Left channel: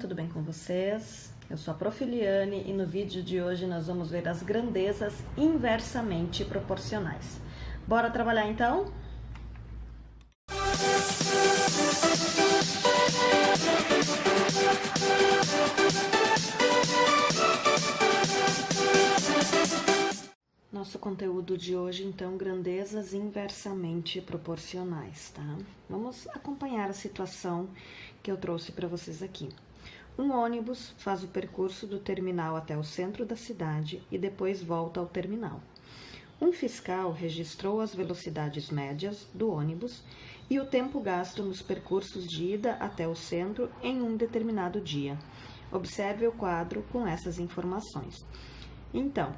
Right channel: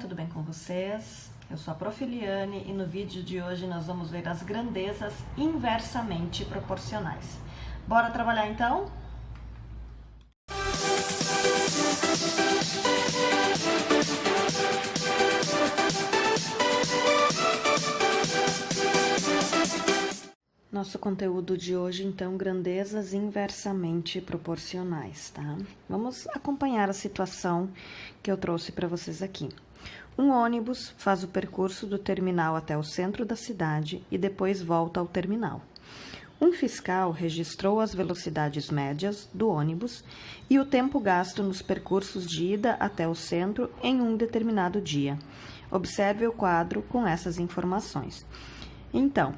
tudo bem com vocês? Eu sou a Prof. Eliane e no vídeo de hoje nós vamos ver as grandezas inversamente proporcionais. Bora trabalhar então? Nosso conteúdo de hoje, então, grandezas inversamente proporcionais, tá? Vamos acompanhar a situação que eu trouxe para vocês aqui. Um ônibus faz o percurso do terminal até o centro da cidade e depois volta ao terminal. Um fiscal registrou as velocidades médias do ônibus e o tempo gasto nos percursos de ida até o centro em um determinado dia. Observe o quadro com essas informações. Então,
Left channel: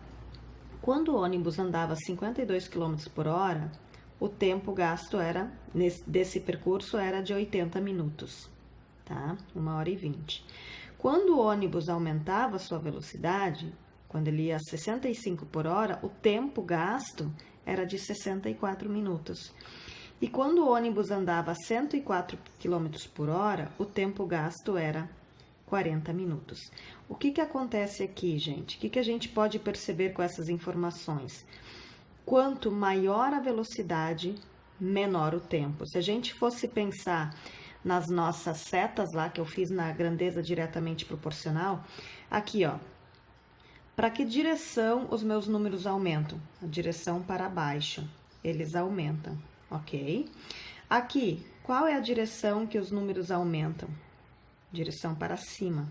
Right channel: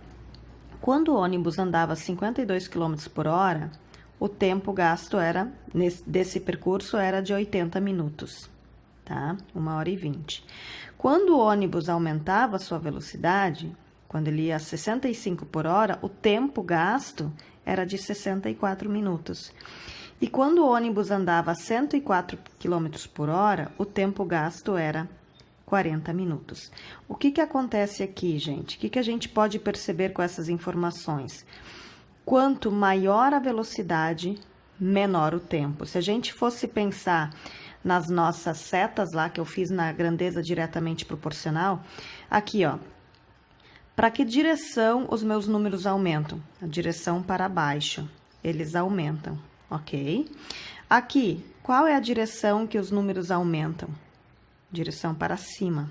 quando o ônibus andava 52 km por hora, o tempo gasto desse percurso era de 80 minutos, tá? 1h20. Quando o ônibus aumentava a sua velocidade, quando ele ia a 65 por hora, o tempo gasto era de 64 minutos. E quando o ônibus andava a 104 km por hora, o tempo gasto era 40 minutos. O que acontece aqui, gente? O que a gente pode perceber com essas informações? Quanto maior a velocidade, menor o tempo. Se a gente fosse pensar nas nossas setas lá, que eu fiz na grandeza diretamente proporcional, aqui, ó, para que direção os meus números aumentam? A direção para baixo, eles aumentam, ok? Aqui, qual é a direção que os números aumentam? Direção para cima,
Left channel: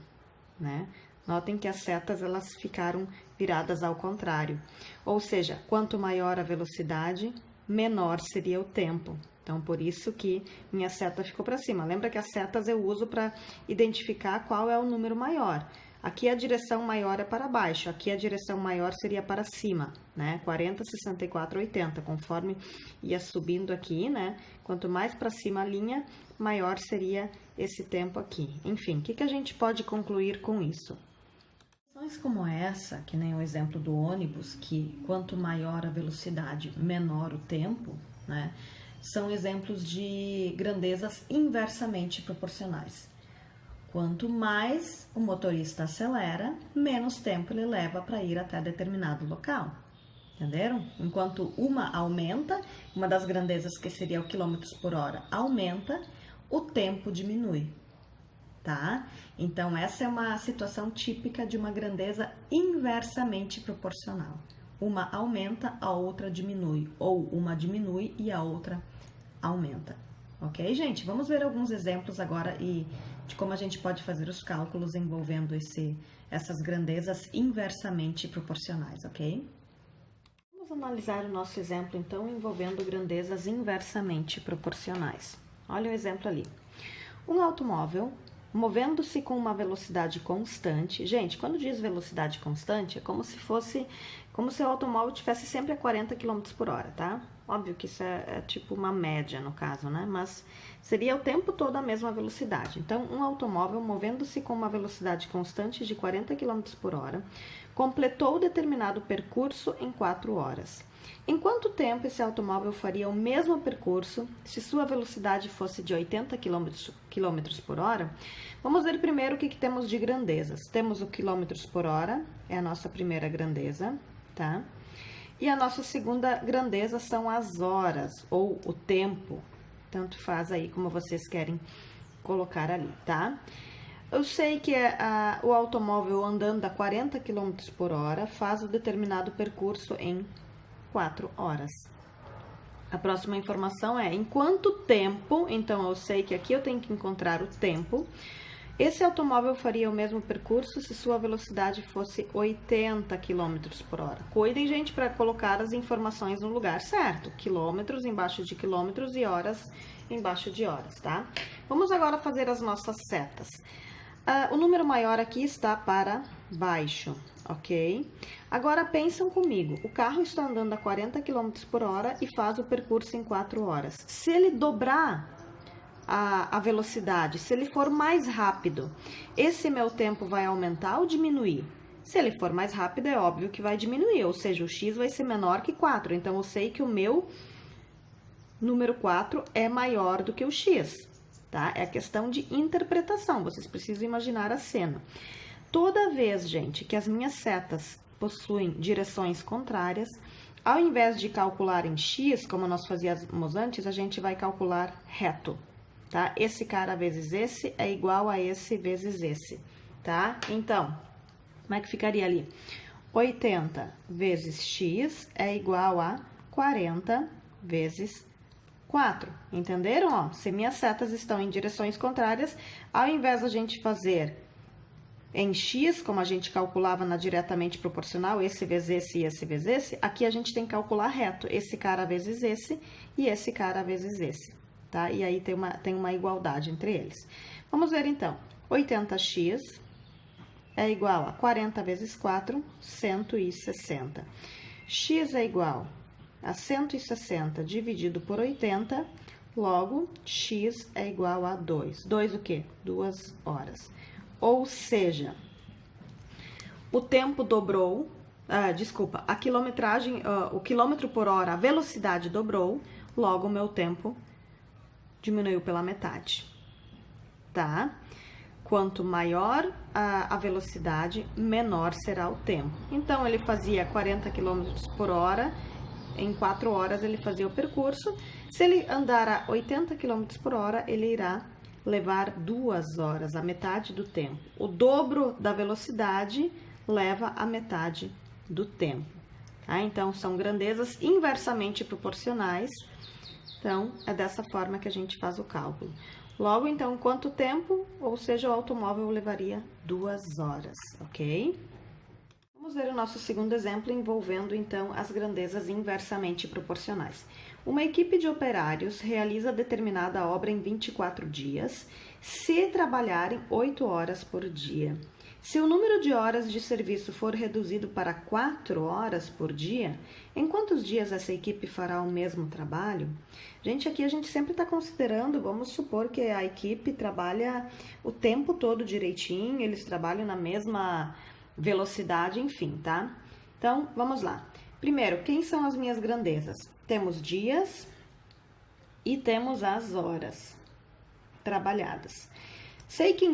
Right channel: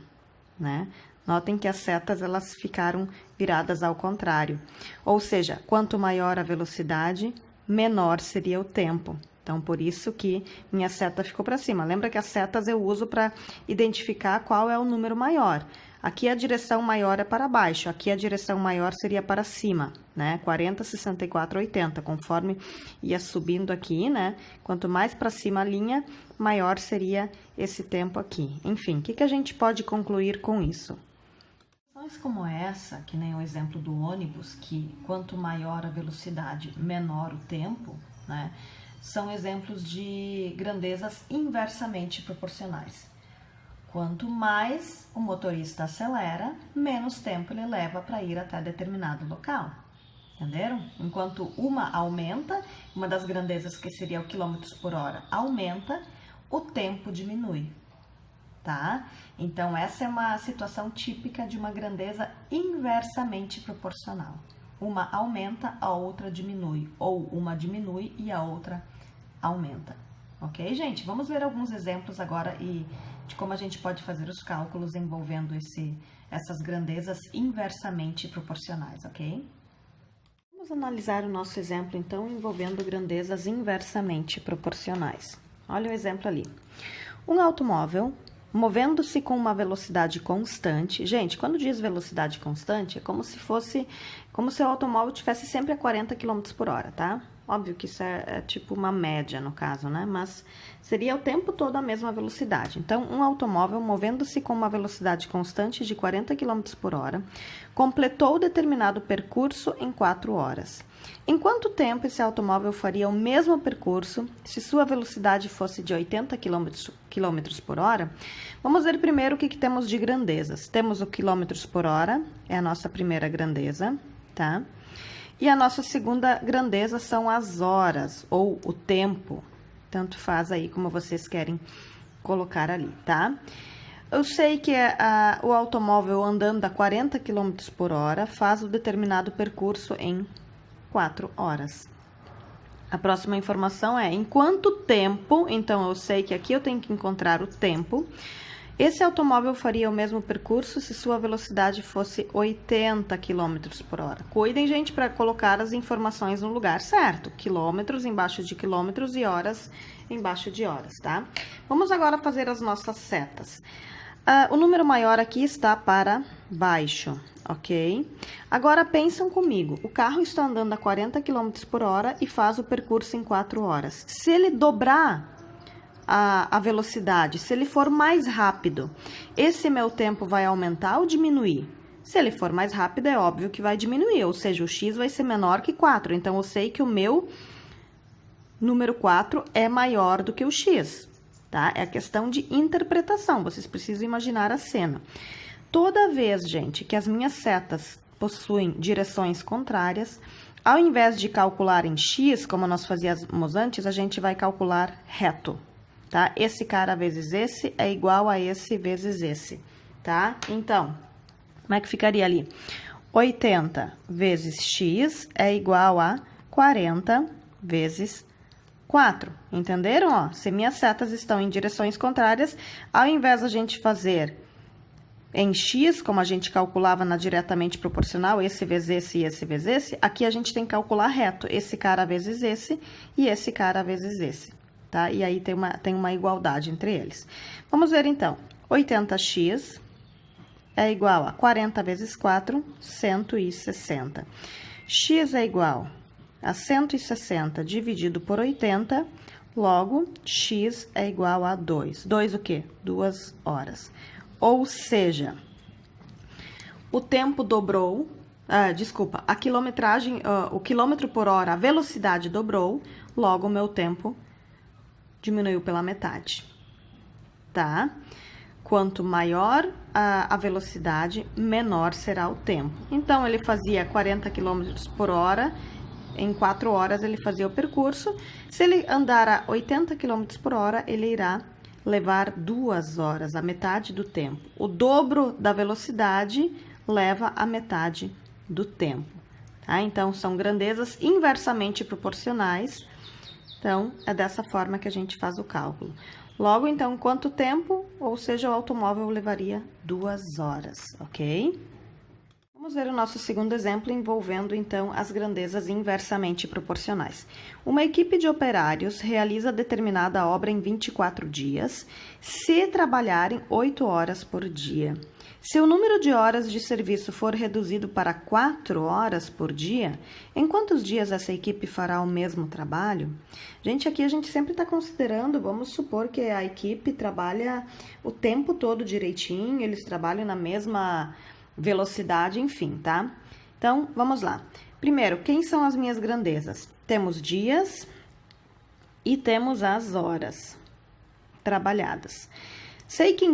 né? Notem que as setas, elas ficaram viradas ao contrário. Ou seja, quanto maior a velocidade, menor seria o tempo. Então, por isso que minha seta ficou para cima. Lembra que as setas eu uso para identificar qual é o número maior. Aqui a direção maior é para baixo, aqui a direção maior seria para cima, né? 40, 64, 80, conforme ia subindo aqui, né? Quanto mais para cima a linha, maior seria esse tempo aqui. Enfim, o que a gente pode concluir com isso? Situações como essa, que nem o exemplo do ônibus, que quanto maior a velocidade, menor o tempo, né? São exemplos de grandezas inversamente proporcionais. Quanto mais o motorista acelera, menos tempo ele leva para ir até determinado local. Entenderam? Enquanto uma aumenta, uma das grandezas que seria o quilômetros por hora aumenta, o tempo diminui, tá? Então, essa é uma situação típica de uma grandeza inversamente proporcional. Uma aumenta, a outra diminui, ou uma diminui e a outra aumenta. Ok, gente? Vamos ver alguns exemplos agora de como a gente pode fazer os cálculos envolvendo essas grandezas inversamente proporcionais, ok? Vamos analisar o nosso exemplo, então, envolvendo grandezas inversamente proporcionais. Olha o exemplo ali. Um automóvel movendo-se com uma velocidade constante. Gente, quando diz velocidade constante, é como se o automóvel estivesse sempre a 40 km por hora, tá? Óbvio que isso é tipo uma média no caso, né? Mas seria o tempo todo a mesma velocidade. Então, um automóvel movendo-se com uma velocidade constante de 40 km por hora, completou determinado percurso em 4 horas. Em quanto tempo esse automóvel faria o mesmo percurso se sua velocidade fosse de 80 km por hora? Vamos ver primeiro o que temos de grandezas. Temos o quilômetros por hora, é a nossa primeira grandeza, tá? E a nossa segunda grandeza são as horas, ou o tempo. Tanto faz aí como vocês querem colocar ali, tá? Eu sei que o automóvel andando a 40 km por hora faz o determinado percurso em 4 horas. A próxima informação é em quanto tempo, então eu sei que aqui eu tenho que encontrar o tempo. Esse automóvel faria o mesmo percurso se sua velocidade fosse 80 km por hora. Cuidem, gente, para colocar as informações no lugar certo. Quilômetros embaixo de quilômetros e horas embaixo de horas, tá? Vamos agora fazer as nossas setas. O número maior aqui está para baixo, ok? Agora pensam comigo, o carro está andando a 40 km por hora e faz o percurso em 4 horas. Se ele dobrar a velocidade, se ele for mais rápido, esse meu tempo vai aumentar ou diminuir? Se ele for mais rápido, é óbvio que vai diminuir, ou seja, o x vai ser menor que 4. Então, eu sei que o meu número 4 é maior do que o x. tá? É questão de interpretação, vocês precisam imaginar a cena. Toda vez, gente, que as minhas setas possuem direções contrárias, ao invés de calcular em x, como nós fazíamos antes, a gente vai calcular reto, tá? Esse cara vezes esse é igual a esse vezes esse, tá? Então, como é que ficaria ali? 80 vezes x é igual a 40 vezes 4. Entenderam? Ó, se minhas setas estão em direções contrárias, ao invés de a gente fazer em x, como a gente calculava na diretamente proporcional, esse vezes esse e esse vezes esse, aqui a gente tem que calcular reto, esse cara vezes esse e esse cara vezes esse, tá? E aí tem uma igualdade entre eles. Vamos ver então, 80x é igual a 40 vezes 4, 160. X é igual a 160 dividido por 80, logo, x é igual a 2. 2 o quê? 2 horas. Ou seja, o tempo dobrou, a quilometragem, o quilômetro por hora, a velocidade dobrou, logo o meu tempo diminuiu pela metade, tá? Quanto maior a velocidade, menor será o tempo. Então, ele fazia 40 km por hora, em 4 horas ele fazia o percurso. Se ele andar a 80 km por hora, ele irá levar 2 horas, a metade do tempo. O dobro da velocidade leva a metade do tempo, tá? Então, são grandezas inversamente proporcionais. Então, é dessa forma que a gente faz o cálculo. Logo, então, quanto tempo, ou seja, o automóvel levaria 2 horas, ok? Vamos ver o nosso segundo exemplo envolvendo, então, as grandezas inversamente proporcionais. Uma equipe de operários realiza determinada obra em 24 dias, se trabalharem 8 horas por dia. Se o número de horas de serviço for reduzido para 4 horas por dia, em quantos dias essa equipe fará o mesmo trabalho? Gente, aqui a gente sempre está considerando, vamos supor que a equipe trabalha o tempo todo direitinho, eles trabalham na mesma velocidade, enfim, tá? Então, vamos lá. Primeiro, quem são as minhas grandezas? Temos dias e temos as horas trabalhadas. Sei que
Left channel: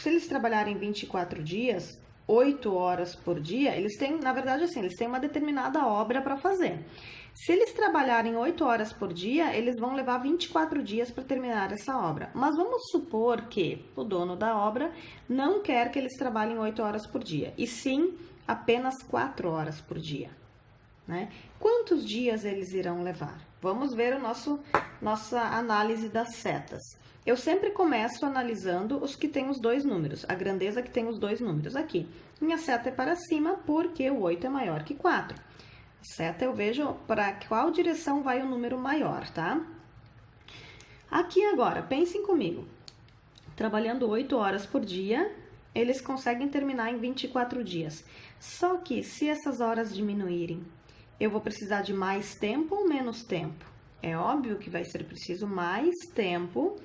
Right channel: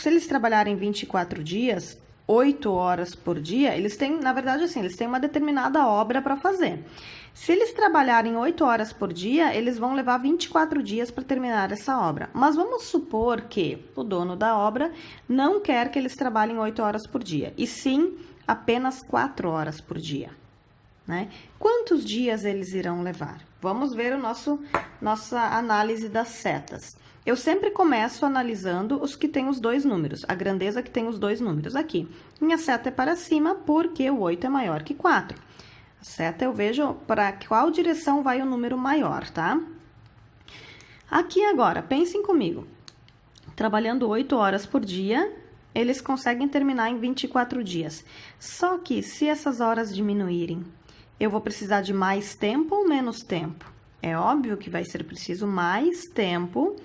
se eles trabalharem 24 dias, 8 horas por dia, eles têm, na verdade, assim, eles têm uma determinada obra para fazer. Se eles trabalharem 8 horas por dia, eles vão levar 24 dias para terminar essa obra. Mas vamos supor que o dono da obra não quer que eles trabalhem 8 horas por dia, e sim apenas 4 horas por dia, né? Quantos dias eles irão levar? Vamos ver nossa análise das setas. Eu sempre começo analisando os que têm os dois números, a grandeza que tem os dois números aqui. Minha seta é para cima porque o 8 é maior que 4. A seta eu vejo para qual direção vai o número maior, tá? Aqui agora, pensem comigo. Trabalhando 8 horas por dia, eles conseguem terminar em 24 dias. Só que se essas horas diminuírem, eu vou precisar de mais tempo ou menos tempo? É óbvio que vai ser preciso mais tempo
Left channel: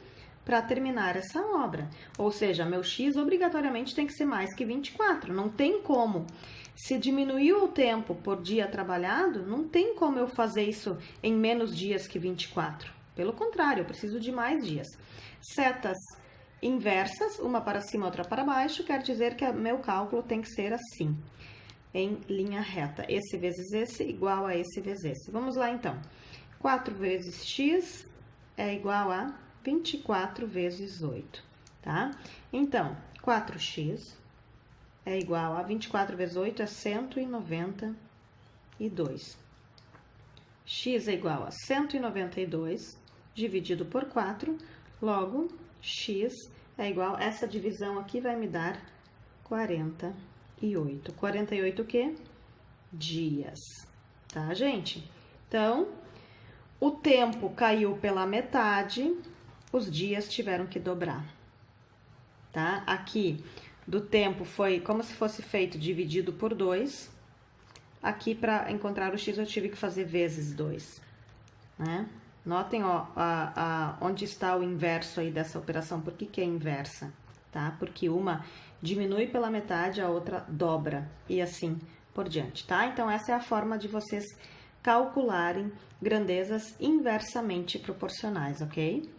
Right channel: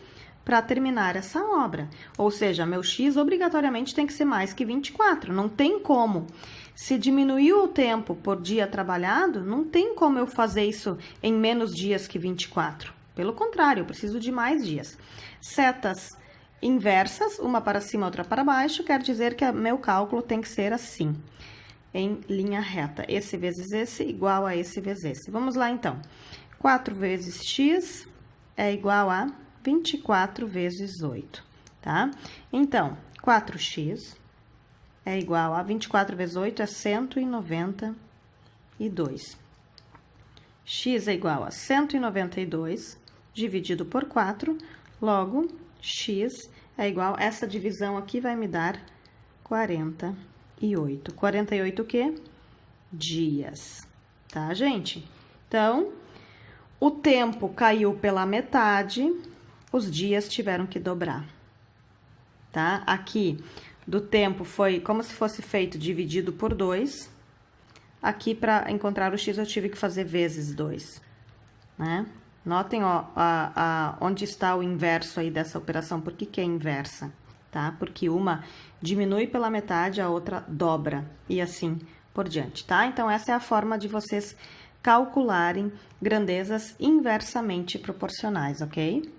para terminar essa obra. Ou seja, meu X obrigatoriamente tem que ser mais que 24. Não tem como. Se diminuiu o tempo por dia trabalhado, não tem como eu fazer isso em menos dias que 24. Pelo contrário, eu preciso de mais dias. Setas inversas, uma para cima, outra para baixo, quer dizer que meu cálculo tem que ser assim, em linha reta. Esse vezes esse igual a esse vezes esse. Vamos lá, então. 4 vezes x é igual a 24 vezes 8, tá? Então, 4x é igual a 24 vezes 8 é 192. X é igual a 192 dividido por 4, logo, x é igual, essa divisão aqui vai me dar 48. 48 o quê? Dias, tá, gente? Então, o tempo caiu pela metade, os dias tiveram que dobrar, tá? Aqui, do tempo foi como se fosse feito dividido por 2. Aqui, para encontrar o x, eu tive que fazer vezes 2, né? Notem, ó, onde está o inverso aí dessa operação. Por que que é inversa, tá? Porque uma diminui pela metade, a outra dobra, e assim por diante, tá? Então, essa é a forma de vocês calcularem grandezas inversamente proporcionais, ok?